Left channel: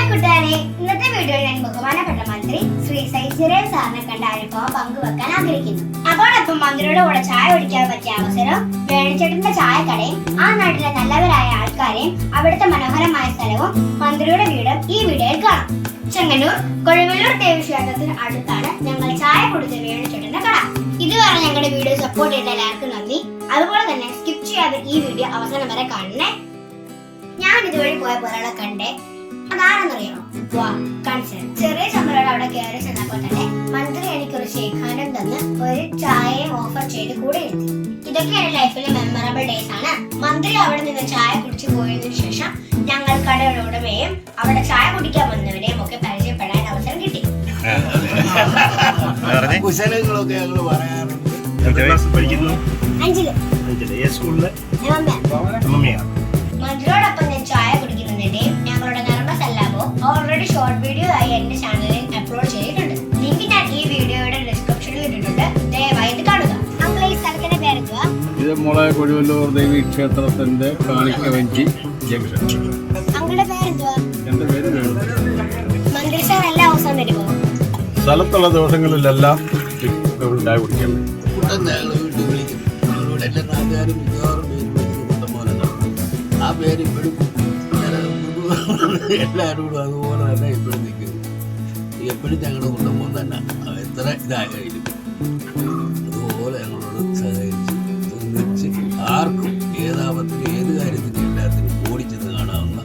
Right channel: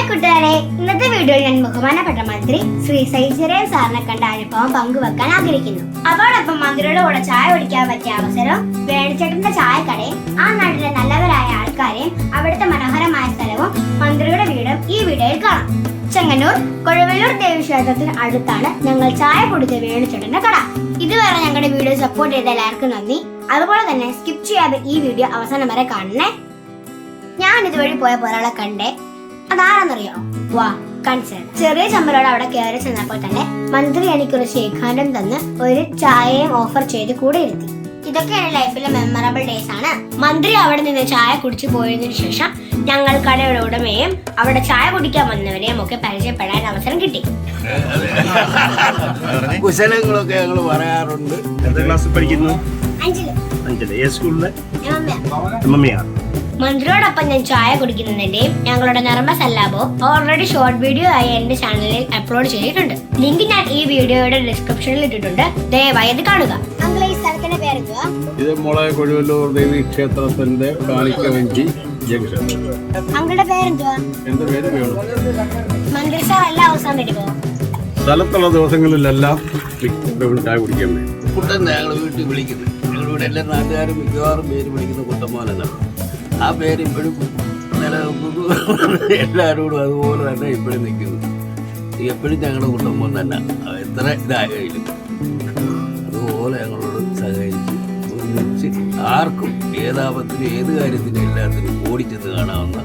Hi കൂട്ടുകാരെ, ഇന്നത്തെ വീഡിയോയിൽ ഞാൻ ബഹുമാനപ്പെട്ട മന്ത്രി ശ്രീ സൈജിരേൻ സാറിനെ കണ്ട അനുഭവം പങ്കുവെക്കാൻ ആഗ്രഹിക്കുന്നു. അതോടൊപ്പം മന്ത്രിയുടെ കൂടെ ചായ കുടിക്കാൻ പറ്റിയ അവസരവും വേണിച്ചേട്ടന്റെ ചായക്കടയും ആ നാട്ടിലെ നല്ലവരായ ആൾക്കാരെയും അവിടുത്തെ മനോഹരമായ സ്ഥലവും മന്ത്രിയുടെ വീടും ഈ വീഡിയോയിൽ കാണാം. ചെങ്ങന്നൂർ കൊഴുവല്ലൂർ ദേവീക്ഷേത്രത്തിന് അടുത്താണ് ഞങ്ങൾ ചായ കുടിച്ച വേണിച്ചേട്ടന്റെ കട. ഇതുവരെ ഞങ്ങളുടെ വീഡിയോ സപ്പോർട്ട് ചെയ്ത എല്ലാവർക്കും നന്ദി. അതുപോലെ തന്നെ സ്കിപ്പ് ചെയ്യാതെ ഈ വീഡിയോ അവസാനം വരെ കാണണേ. ഞാൻ ഇതുവഴി പോയപ്പോൾ ഒരാളെ കണ്ടേ. അതാരെന്നറിയാമോ? വാ കാണിച്ചു. ചെറിയ ചമ്മലോട് അവിടെ കയറി ചെന്നപ്പോൾ തന്നെ മന്ത്രി എനിക്കൊരു ഷേക്ക് ഹാൻഡും തന്ന് ഒരു ചായയും ഓഫർ ചെയ്ത് കൂടെ ഇരുത്തി. ഇതൊക്കെ എന്റെ ലൈഫിലെ മെമ്മറബിൾ ഡേയ്സ് ആണ്. മന്ത്രി അവിടെ നിന്ന് ചായ കുടിച്ചു പോയതിനു ശേഷം ഞങ്ങൾ കടയുടെ ഉടമയും അവിടെ ചായ കുടിക്കാൻ വന്നവരെയും ഒക്കെ പരിചയപ്പെടാൻ അവസരം കിട്ടി. കുശലങ്ങളൊക്കെ ഞങ്ങൾ പറയാറുണ്ട്. മന്ത്രിയോടൊപ്പം ഞാൻ ചായ കുടിക്കുന്നതിന്റെയും ഞങ്ങളുടെ നർമ്മ സല്ലാപോ ഓൾറെഡി ഷോർട്ട് വീഡിയോ ആയി എന്റെ ചാനലിൽ അപ്ലോഡ് ചെയ്തിട്ടുണ്ട്. ലിങ്ക് ഞാൻ ഈ വീഡിയോയുടെ ഡിസ്ക്രിപ്ഷനിൽ ഇട്ടിട്ടുണ്ട്. ദയവായി ഇത് കാണുക. അങ്കിൾ, ഈ സ്ഥലത്തിന്റെ പേരെന്തുവാ? ഇത് മോളെ കൊഴുവല്ലൂർ ദേവി ക്ഷേത്രത്തിന്റെ കാണിക്കവഞ്ചി ജംഗ്ഷൻ. അങ്കിളുടെ പേരെന്തുവാ? എന്റെ പേര് വേണു. മന്ത്രി സാർ എല്ലാ ദിവസവും വരുമോ? സ്ഥലത്തുള്ള ദിവസങ്ങളിലെല്ലാം ചായ കുടിക്കാൻ വേണ്ടി കുട്ടൻ ഞങ്ങൾ വീട്ടിൽ വിളിക്കുന്നത്. ഞങ്ങളിവിടെ എല്ലാ നാട്ടുകാരും മിക്കവാറും പേര് വിളിക്കുന്ന കുട്ടന്മാരെന്നാണ്. ആ പേര് ഇപ്പോഴും എല്ലാവരോടും അതുപോലെ തന്നെ ഇപ്പോഴും നിൽക്കുന്നത്. എപ്പോഴും ഞങ്ങളുടെ കുട്ടന്മാർ തന്നെ എത്ര ഇതായാലും അതുപോലെ ഞങ്ങളോട് സഹകരിച്ച് ഒന്നിച്ച് ആർക്കും ഏതാപത്തിനും ഏത് കാര്യത്തിനും എല്ലാത്തിനും ഓടിച്ചെന്ന് കാണാവുന്ന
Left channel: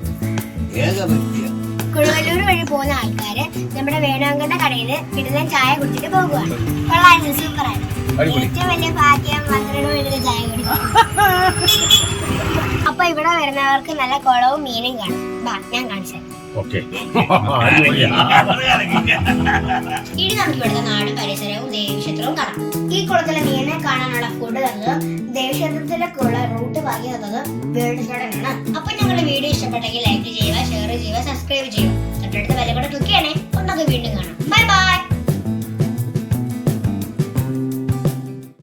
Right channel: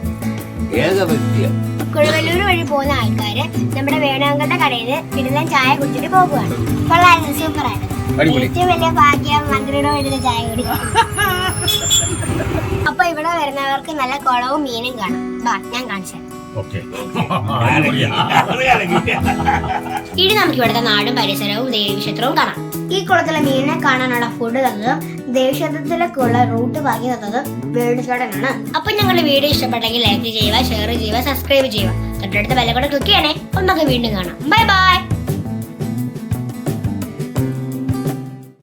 ഏക വ്യക്തിയാണ്. കുഴുവല്ലൂർ വഴി പോകുന്ന ആൾക്കാര് നമ്മുടെ വേണാങ്കന്റെ കടയിൽ നിന്ന് കിടന്ന ചായ കുടിച്ചിട്ട് പോകുവാണ്. കൊള്ളായിരുന്നു, സൂപ്പറായിരുന്നു. ഏറ്റവും വലിയ ഭാഗ്യം മന്ത്രിയുടെ വീട്ടിലെ ചായ കുടിക്കും. അപ്പൊ ഇവിടെ വരുന്നവർക്ക് നല്ല കുളവും മീനും കാണും. വാ, ഞാൻ കാണിച്ചു. ഇനി നമുക്ക് ഇവിടുത്തെ നാടും പരിസരവും ദേവീക്ഷേത്രവും കാണാം. ഈ കുളത്തിലെ മീനിനെ കാണാനുള്ള ഫുഡ് തന്നതും ദേവീക്ഷേത്രത്തിലേക്കുള്ള റൂട്ട് പറഞ്ഞു തന്നതും വേണിച്ചേട്ടനാണ്. അപ്പൊ ഞങ്ങളുടെ വീഡിയോ ഇഷ്ടപ്പെട്ടെങ്കിൽ ലൈക്ക് ചെയ്യുക, ഷെയർ ചെയ്യുക, സബ്സ്ക്രൈബ് ചെയ്യുക. തൊട്ടടുത്ത ബെൽ കൂടെ ക്ലിക്ക് ചെയ്യണേ. നമുക്ക് വീണ്ടും കാണാം. Bye bye.